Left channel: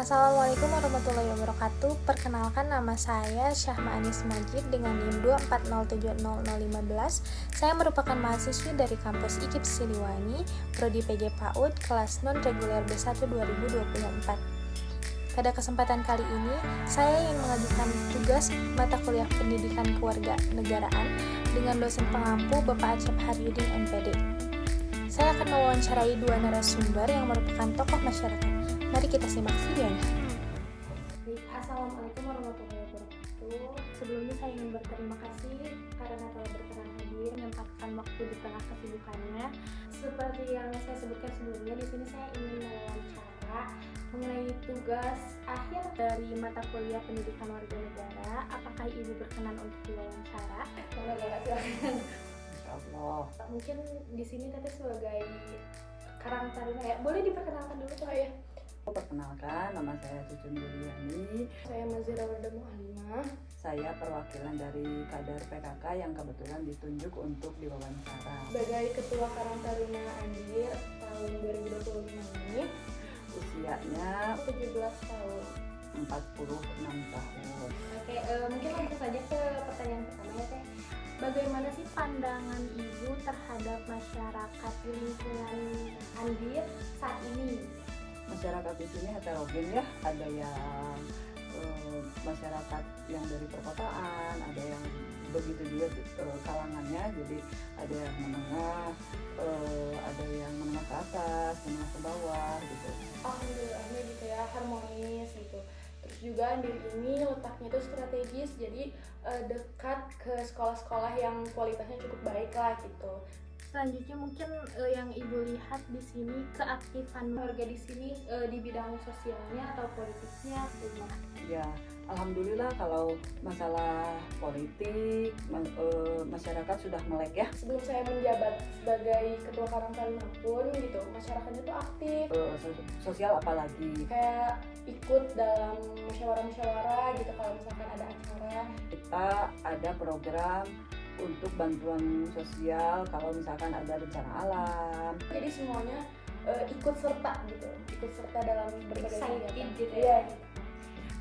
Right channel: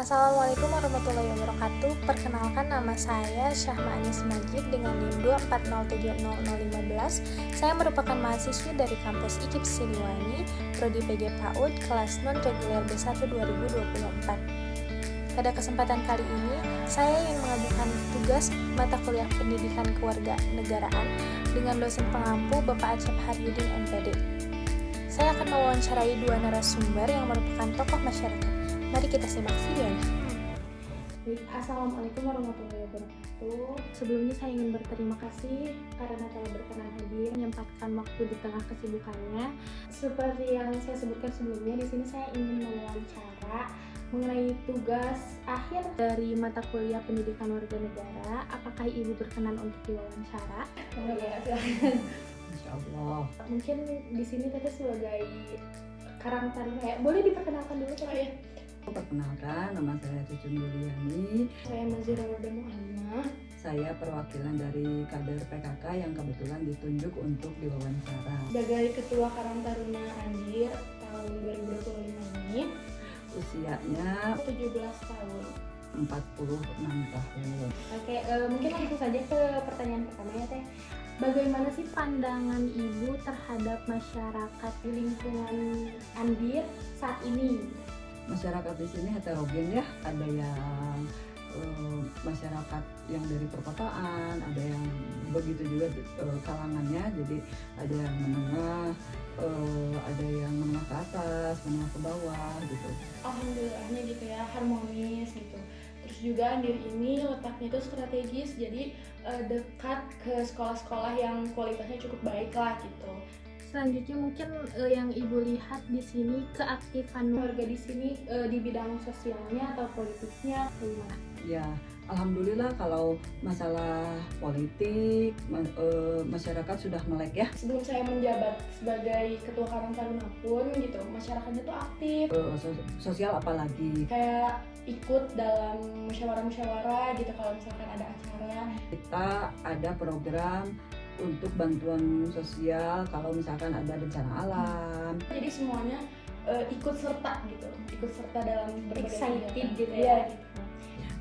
Assalamualaikum warahmatullahi wabarakatuh. Perkenalkan, nama saya Syahma Anis Majid dengan NIM 240700015. Saya merupakan mahasiswi dari kampus IKIP Siliwangi, Prodi PG PAUD, kelas non-reguler B1 2024. Pada kesempatan kali ini, saya ingin mengajukan tugas mata kuliah pendidikan kewarganegaraan dengan dosen pengampu Bapak Acep Haryudin MPD. Saya akan mewawancarai dua narasumber yang merupakan tokoh masyarakat. Mari kita simak videonya. Baik, Assalamualaikum warahmatullahi wabarakatuh. Sebelumnya saya ingin berterima kasih karena telah berkenan hadir menyempatkan waktu di tengah kesibukannya. Seperti yang saya sebutkan sebelumnya, di sini saya ingin mewawancara mengenai tugas akhir dari mata kuliah pendidikan warga negara. Apakah Ibu berkenan untuk diwawancara? Insyaallah. Mungkin di sini Teteh sebagai Karang Taruna ya. Boleh diperkenalkan dulu Teteh? Perkenalkan, nama saya Cucun Yuliani. Saya Nazira Wardah Muhammad. Saya perwakilan dari kader PKK yang kebetulan ditunjuk untuk diwawancara. Sebagai Ketua Karang Taruna Andir tahun 2025 ini, Usianya 17 tahun. 46 tahun. Oke, mungkin langsung saja ke pertanyaan pertama ya Teh. Bagaimana sih pandangan Ibu terhadap masyarakat di lingkungan Andir saat ini? Masyarakat di sini heterogen ya, ada yang masyarakat yang dari perkotaan, ada yang begitu juga kalangannya, jadi ada yang menengah, ada yang menengah ke atas, menengah ke bawah gitu. Alhamdulillahnya gitu ya, harmonis gitu. Terus juga Andir ini letaknya itu strategis, jadi dekat ke sekolah-sekolah yang kualitasnya cukup baik lah gitu. Selanjutnya mungkin yang Ibu lihat di sini keaktifan warga di sini di bidang sosialnya atau politiknya gimana? Ya, alhamdulillah kalau masalah politik masyarakat sudah melek ya. Sebelum saya menjabat sebagai Ketua Karang Taruna pun gitu, masyarakatnya tuh aktif. Sosial apalagi. Kayak ikut dalam musyawarah-musyawarah gitu kalau misalkan ada acara. Kita ada program untuk bantuan sosial kalau misalkan ada bencana alam. Jadi semuanya ikut serta gitu, ikut serta dalam berbagai Excited gitu ya.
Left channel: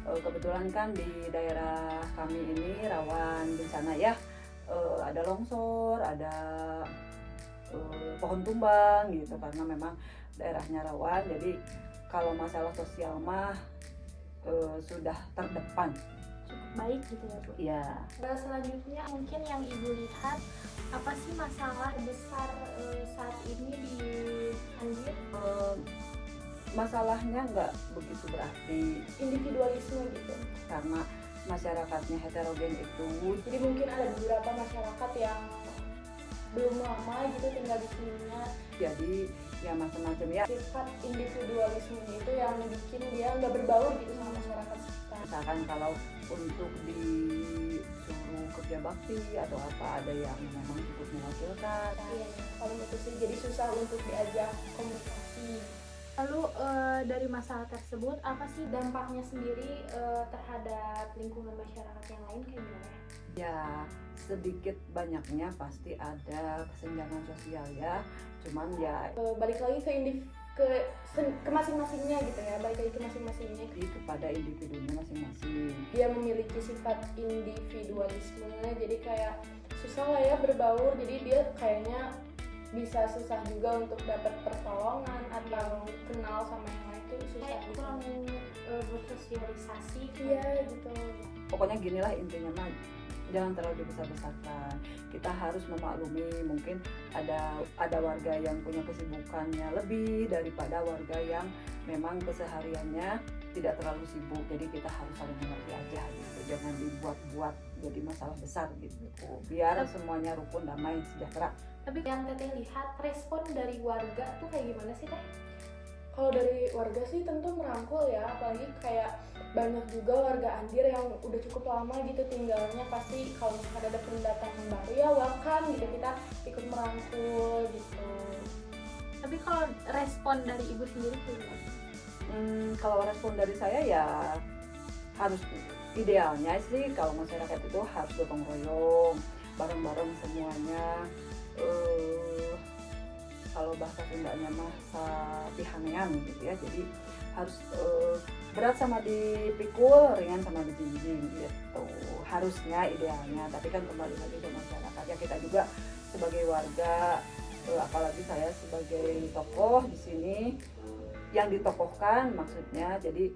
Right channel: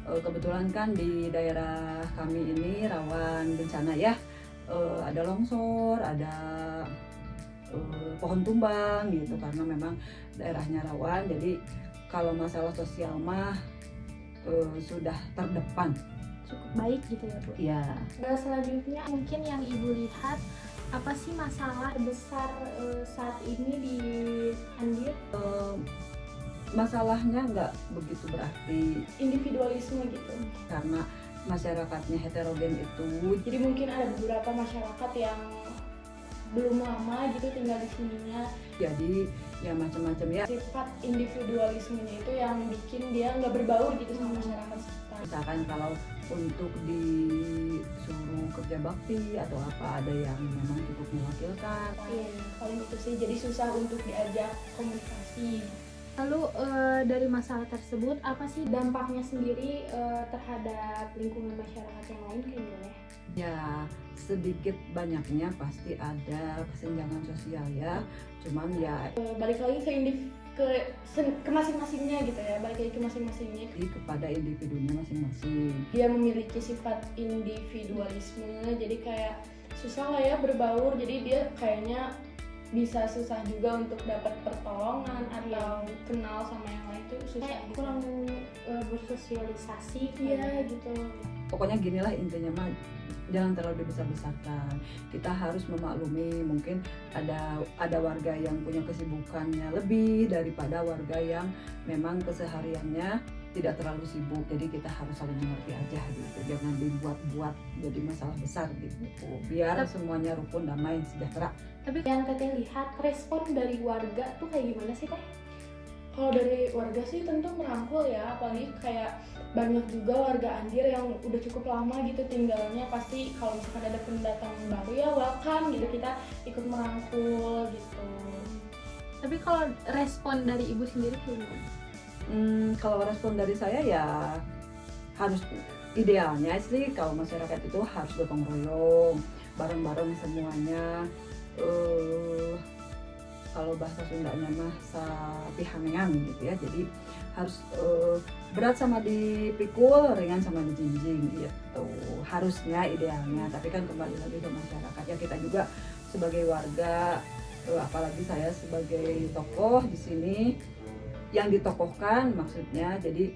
Kebetulan kan di daerah kami ini rawan bencana ya, ada longsor, ada pohon tumbang gitu karena memang daerahnya rawan. Jadi kalau masalah sosial mah sudah terdepan. Cukup baik gitu ya Bu. Iya. Selanjutnya mungkin yang Ibu lihat apa sih masalah besar saat ini di Andir? Masalahnya nggak begitu berarti, Individualisme gitu. karena masyarakatnya heterogen itu. Jadi mungkin ada beberapa masyarakat yang belum lama gitu tinggal di sininya. Jadi ya macam-macam ya. Sifat individualismenya itu yang bikin dia nggak berbaur gitu sama masyarakat sekitar. Misalkan kalau untuk disuruh kerja bakti atau apa, ada yang memang cukup mewakilkan. Iya, paling itu sih, jadi susah untuk diajak komunikasi. Lalu dari masalah tersebut apa sih dampaknya sendiri terhadap lingkungan masyarakat yang lain kayak gimana? Ya sedikit banyaknya pasti ada kesenjangan sosial ya. Cuman ya Balik lagi ke masing-masingnya gitu ya, balik lagi ke masing-masingnya. kepada individunya masing-masing. Dia memiliki sifat individualisme, jadi kayak susah lah ya berbaur, jadi dia kayaknya bisa susah juga untuk dapat pertolongan atau kenal sama yang lain itu susah gitu. Kurang bersosialisasi ya gitu. Pokoknya ginilah intinya mah, jangan terlalu dibesar-besarkan. Kita harus memaklumi mungkin ada warga yang punya kesibukannya lebih daripada warga yang memang kesehariannya tidak terlalu sibuk. Jadi kita harus saling mengerti aja gitu. Jangan dibuat-buat jadi masalah besar gitu. Biar semuanya rukun, damai, sejahtera. Tapi yang Teteh lihat respon dari warga tuh kayak gimana sih Teh? Kalau dari warga sih tentu merangkul ya, apalagi kayak banyak juga warga Andir yang udah cukup lama gitu tinggalnya, pasti kalau misalkan ada pendatang baru ya welcome gitu, kita ikut merangkul gitu. Tapi kalau respon dari Ibu sendiri gimana? Kalau respon dari saya ya harus, idealnya sih kalau masyarakat itu harus gotong royong, bareng-bareng semuanya. Kalau bahasa Sundanya mah sapihanean gitu ya. Jadi harus berat sama dipikul, ringan sama dijinjing gitu. Harusnya idealnya, tapi kan kembali lagi ke masyarakat ya, kita juga sebagai warga, apalagi saya sebagai tokoh di sini yang ditokohkan maksudnya, jadi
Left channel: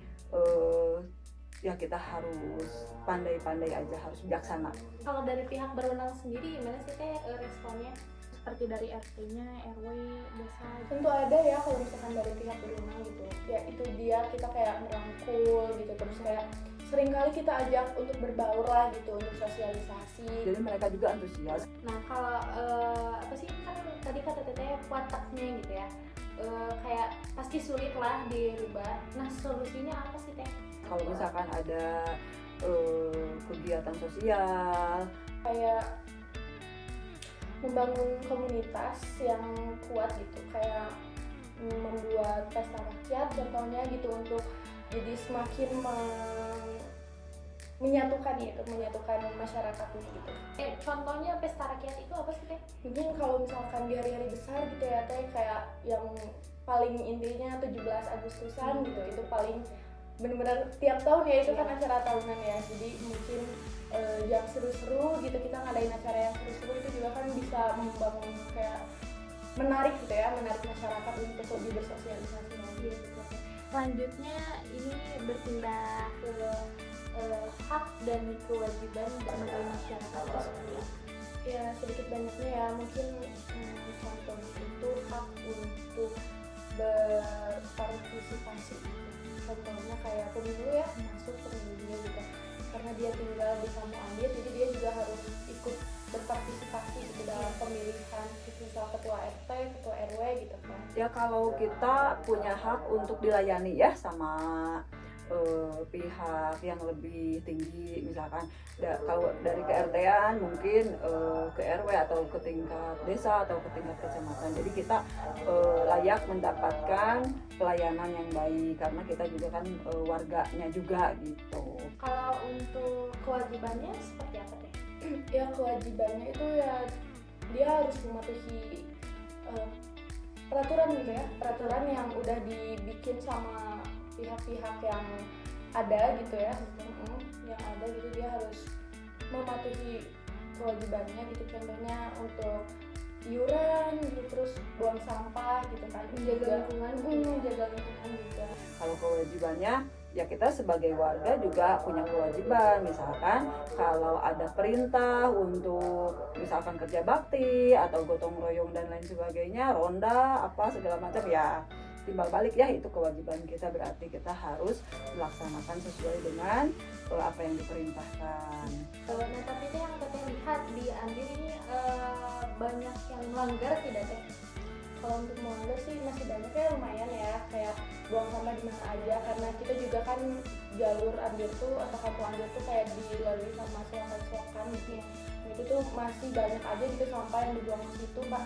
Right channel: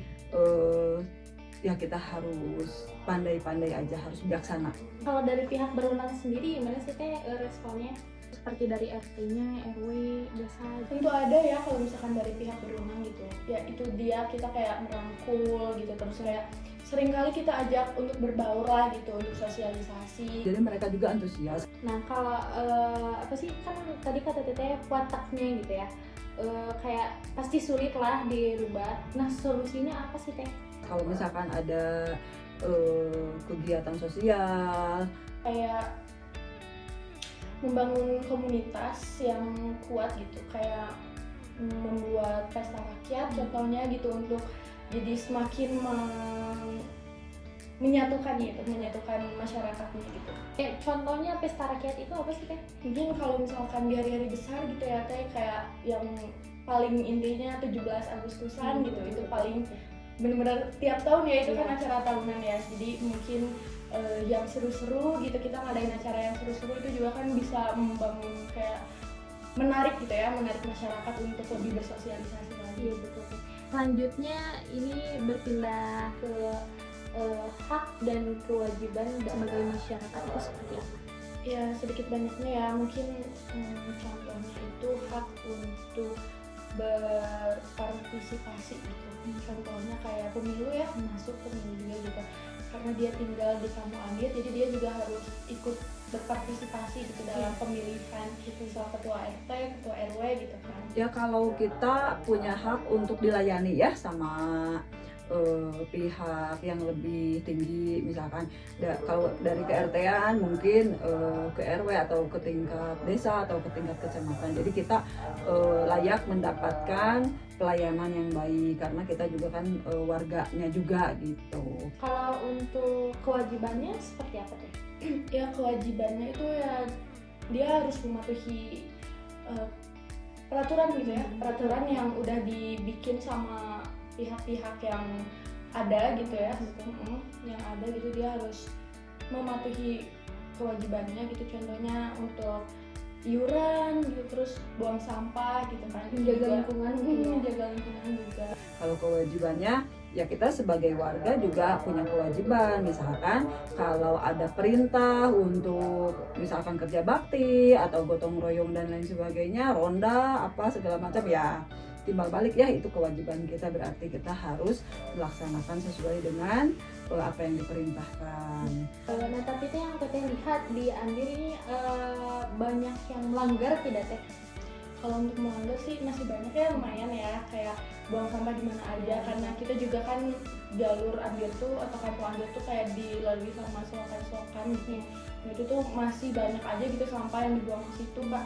ya kita harus pandai-pandai aja, harus bijaksana. Kalau dari pihak berwenang sendiri gimana sih teh responnya? Seperti dari RT-nya, RW, desa. Tentu ada ya kalau misalkan dari pihak berwenang gitu. Ya itu dia, kita kayak merangkul gitu, terus kayak seringkali kita ajak untuk berbaur lah gitu, untuk sosialisasi. Jadi mereka juga antusias. Nah kalau apa sih, kan tadi kata teteh wataknya gitu ya, kayak pasti sulit lah dirubah. Nah solusinya apa sih teh? Kalau misalkan ada kegiatan sosial, Kayak membangun komunitas yang kuat gitu, kayak membuat pesta rakyat contohnya gitu, untuk jadi semakin menyatukan gitu, menyatukan masyarakatnya gitu. Contohnya pesta rakyat itu apa sih teh? Mungkin kalau misalkan di hari-hari besar gitu ya teh, kayak yang paling intinya 17 Agustusan gitu, itu paling benar-benar tiap tahun ya, itu kan acara tahunan ya, jadi mungkin yang seru-seru gitu, kita ngadain acara yang seru-seru itu juga kan bisa membangun kayak menarik gitu ya, menarik masyarakat untuk lebih bersosialisasi lagi. Iya betul. Selanjutnya ini berpindah ke hak dan kewajiban sebagai masyarakat itu seperti apa? Ya sedikit banyaknya ya, mungkin contohnya itu hak untuk berpartisipasi gitu. Contohnya kayak pemilu ya, masuk pemilu dia juga, karena dia tinggal di Kamu Ambir, jadi dia juga harus ikut berpartisipasi gitu dalam pemilihan gitu, misal ketua RT, ketua RW gitu kan. ya kalau kita punya hak untuk dilayani ya sama pihak yang lebih tinggi, misalkan kalau dari ke RT-an mungkin ke RW atau ke tingkat desa atau ke tingkat kecamatan, jadi kita layak mendapatkan pelayanan yang baik karena kita juga kan warganya juga gitu. Kalau untuk kewajibannya seperti apa teh? Ya kewajibannya itu ya dia harus mematuhi peraturan gitu ya, peraturan yang udah dibikin sama pihak-pihak yang ada gitu ya, yang ada gitu, dia harus mematuhi kewajibannya gitu, contohnya untuk iuran gitu, terus buang sampah gitu kan, Menjaga lingkungan gitu ya. menjaga lingkungan juga. Kalau kewajibannya ya kita sebagai warga juga punya kewajiban, misalkan kalau ada perintah untuk misalkan kerja bakti atau gotong royong dan lain sebagainya, ronda apa segala macam, ya timbal balik ya itu kewajiban kita, berarti kita harus melaksanakan sesuai dengan apa yang diperintahkan. Nah tapi teh yang teteh lihat di Ambir ini banyak yang melanggar tidak teh? Kalau untuk melanggar sih masih banyak ya, lumayan ya, kayak buang sampah di mana aja, karena kita juga kan jalur Ambir tuh atau kampung Ambir tuh kayak dilalui sama selokan-selokan gitu. Itu tuh masih banyak aja gitu sampah yang dibuang ke situ, Pak.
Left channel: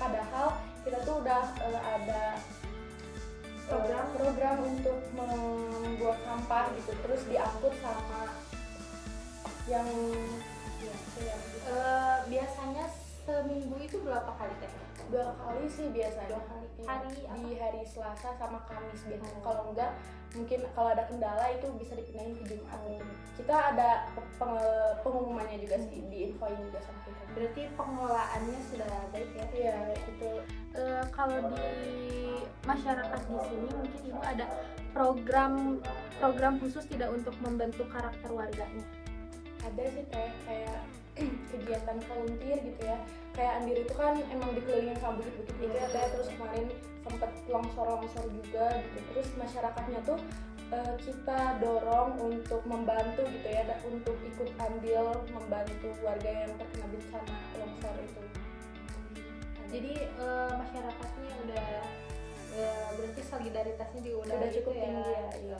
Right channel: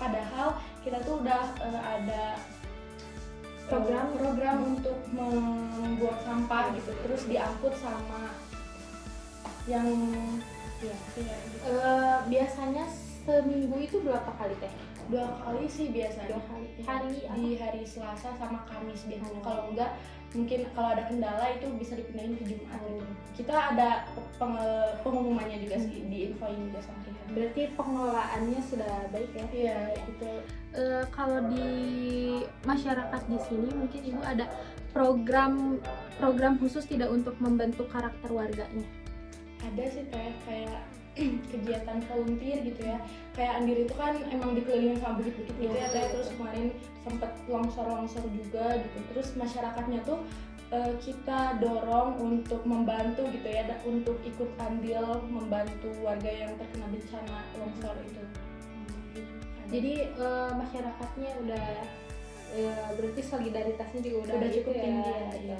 Padahal kita tuh udah ada program untuk membuat sampah gitu, terus diangkut sama yang ya gitu. Biasanya seminggu itu berapa kali teh? 2 kali sih biasanya. 2 kali. Ya, Hari apa? di hari Selasa sama Kamis biasanya. Kalau enggak mungkin kalau ada kendala itu bisa dipindahin ke Jumat. Kita ada pengumumannya juga sih, diinfoin juga sama kita. Berarti pengelolaannya sudah baik ya? Iya itu. Kalau di masyarakat di sini mungkin ibu ada program khusus tidak untuk membentuk karakter warganya? Ada sih kayak kegiatan volunteer gitu ya, kayak Ambir itu kan emang dikelilingin sama bukit-bukit gitu ya, terus kemarin sempet longsor juga gitu, terus masyarakatnya tuh kita dorong untuk membantu gitu ya, untuk ikut andil membantu warga yang terkena bencana longsor itu. Jadi masyarakatnya udah berarti solidaritasnya juga Udah cukup gitu tinggi ya.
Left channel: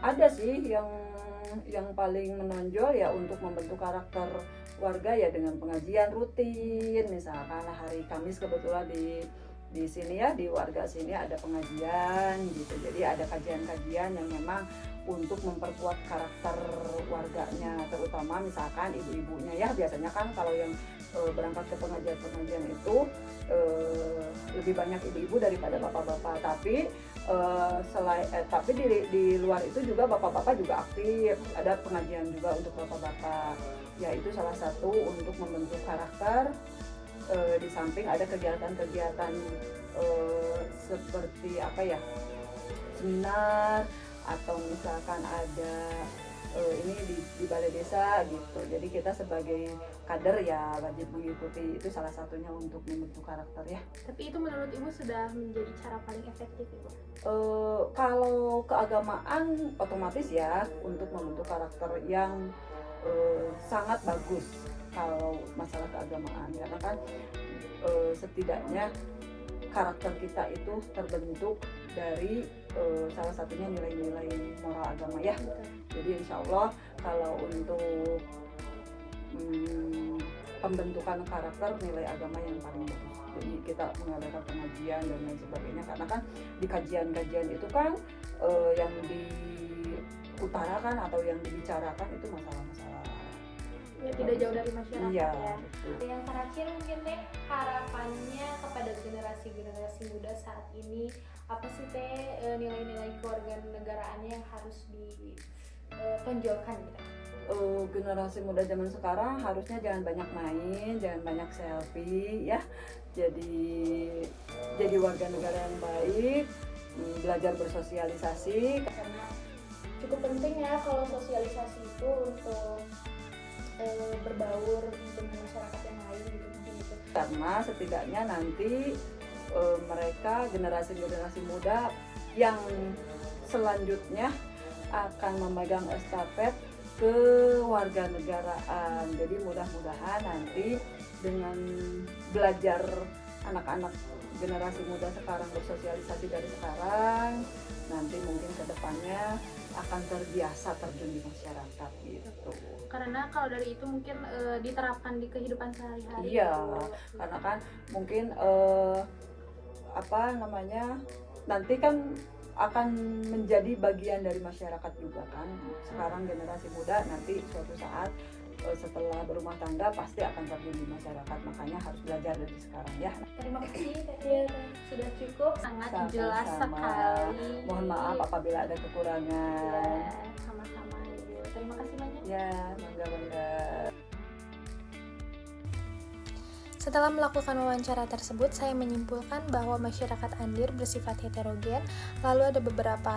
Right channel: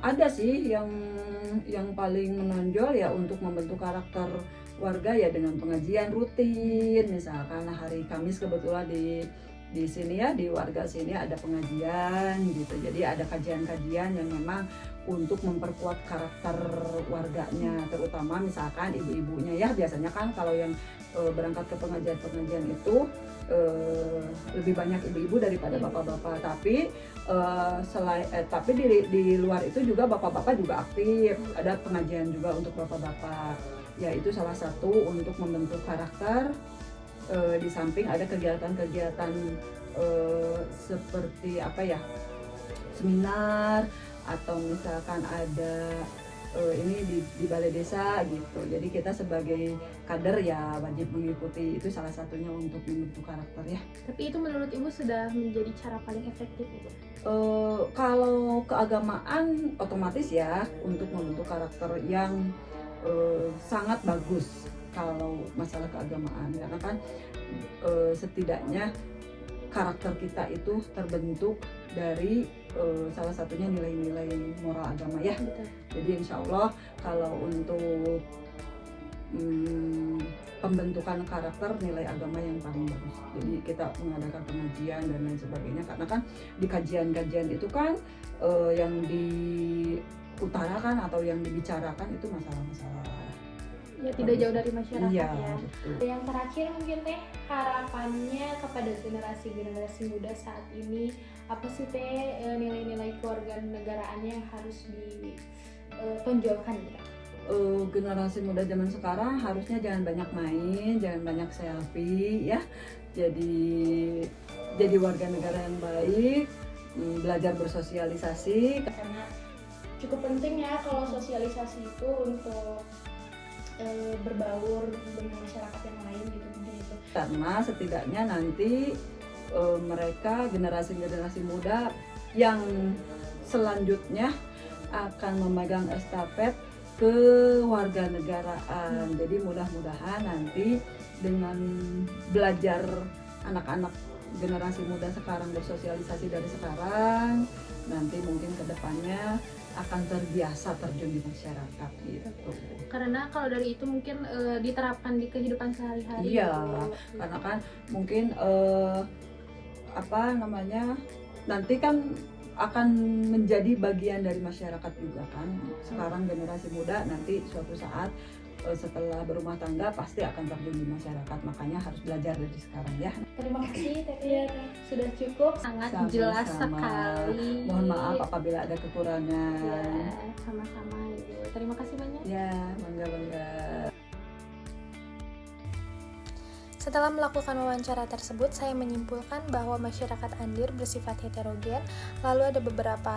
Ada sih yang paling menonjol ya untuk membentuk karakter warga ya dengan pengajian rutin, misalkan hari Kamis kebetulan di sini ya, di warga sini ada pengajian gitu, jadi ada kajian-kajian yang memang untuk memperkuat karakter warganya, terutama misalkan ibu-ibunya ya, biasanya kan kalau yang berangkat ke pengajian itu lebih banyak ibu-ibu daripada bapak-bapak, tapi Tapi di luar itu juga bapak-bapak juga aktif, ada pengajian juga untuk bapak-bapak, yaitu salah satu untuk membentuk karakter. Di samping ada kegiatan-kegiatan seperti apa ya, seminar, atau misalkan ada ini di balai desa gitu. Jadi kita sebagai kader ya wajib mengikuti, itu salah satunya untuk membentuk karakter ya. Tapi itu menurut Ibu sudah menjadi cara paling efektif Ibu? Kalau keagamaan otomatis ya untuk membentuk karakter yang sangat bagus kalau masalah keagamaan, karena kan setidaknya karakter kita itu terbentuk dari salah satunya nilai-nilai moral agama ya. Betul. Jadi insya Allah kalau untuk pembentukan karakter nilai agama yang paling bagus. Jadi kita mengadakan pengajian dan lain sebagainya, karena kan di kajian-kajian itu kan yang diutarakan atau yang dibicarakan itu masalah-masalah Ya tidak jauh dari masyarakat iya, ya. betul. Yang terakhir mungkin Teh, harapannya kepada generasi muda saat ini apa sih Teh, nilai-nilai kewarganegaraannya yang harus ditonjolkan gitu? Generasi muda zaman sekarang harusnya jangan banyak main, jangan banyak selfie ya. Jadi warga negara yang baik, belajar bersosialisasi. Karena cukup penting ya kalau sosialisasi itu untuk berbaur dengan masyarakat yang lain gitu, mungkin itu. Karena setidaknya nanti mereka generasi muda yang selanjutnya akan memegang estafet kewarganegaraan. Jadi mudah-mudahan nanti dengan belajar anak-anak generasi muda sekarang bersosialisasi dari sekarang, nanti mungkin kedepannya akan terbiasa terjun di masyarakat gitu. Karena kalau dari itu mungkin diterapkan di kehidupan sehari-hari. Iya, gitu. karena kan mungkin nanti kan akan menjadi bagian dari masyarakat juga kan. Sekarang generasi muda nanti suatu saat setelah berumah tangga pasti akan terjun di masyarakat, makanya harus belajar dari sekarang ya. Terima kasih Teh. Iya, sudah cukup, sangat Sama-sama. jelas sekali. Mohon maaf apabila ada kekurangan. Ya, sama-sama Ibu. Terima kasih banyak. Ya, bangga. Setelah melakukan wawancara tersebut, saya menyimpulkan bahwa masyarakat Andir bersifat heterogen, lalu ada beberapa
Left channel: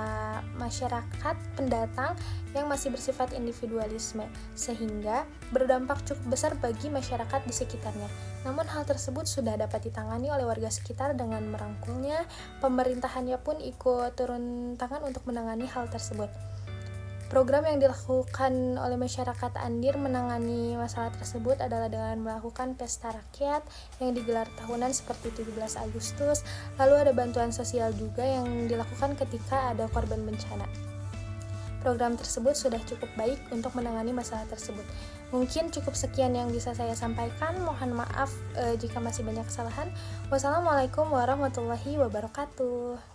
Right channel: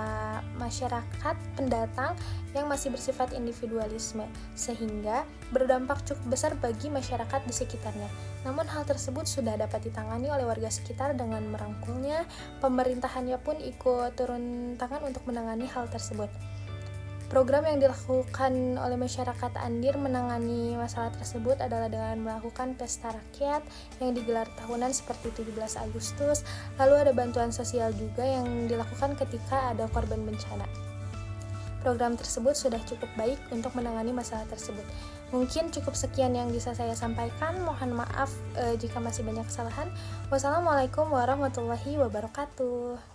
masyarakat pendatang yang masih bersifat individualisme, sehingga berdampak cukup besar bagi masyarakat di sekitarnya. Namun hal tersebut sudah dapat ditangani oleh warga sekitar dengan merangkulnya, pemerintahannya pun ikut turun tangan untuk menangani hal tersebut. Program yang dilakukan oleh masyarakat Andir menangani masalah tersebut adalah dengan melakukan pesta rakyat yang digelar tahunan seperti 17 Agustus, lalu ada bantuan sosial juga yang dilakukan ketika ada korban bencana. Program tersebut sudah cukup baik untuk menangani masalah tersebut. Mungkin cukup sekian yang bisa saya sampaikan, mohon maaf jika masih banyak kesalahan. Wassalamualaikum warahmatullahi wabarakatuh.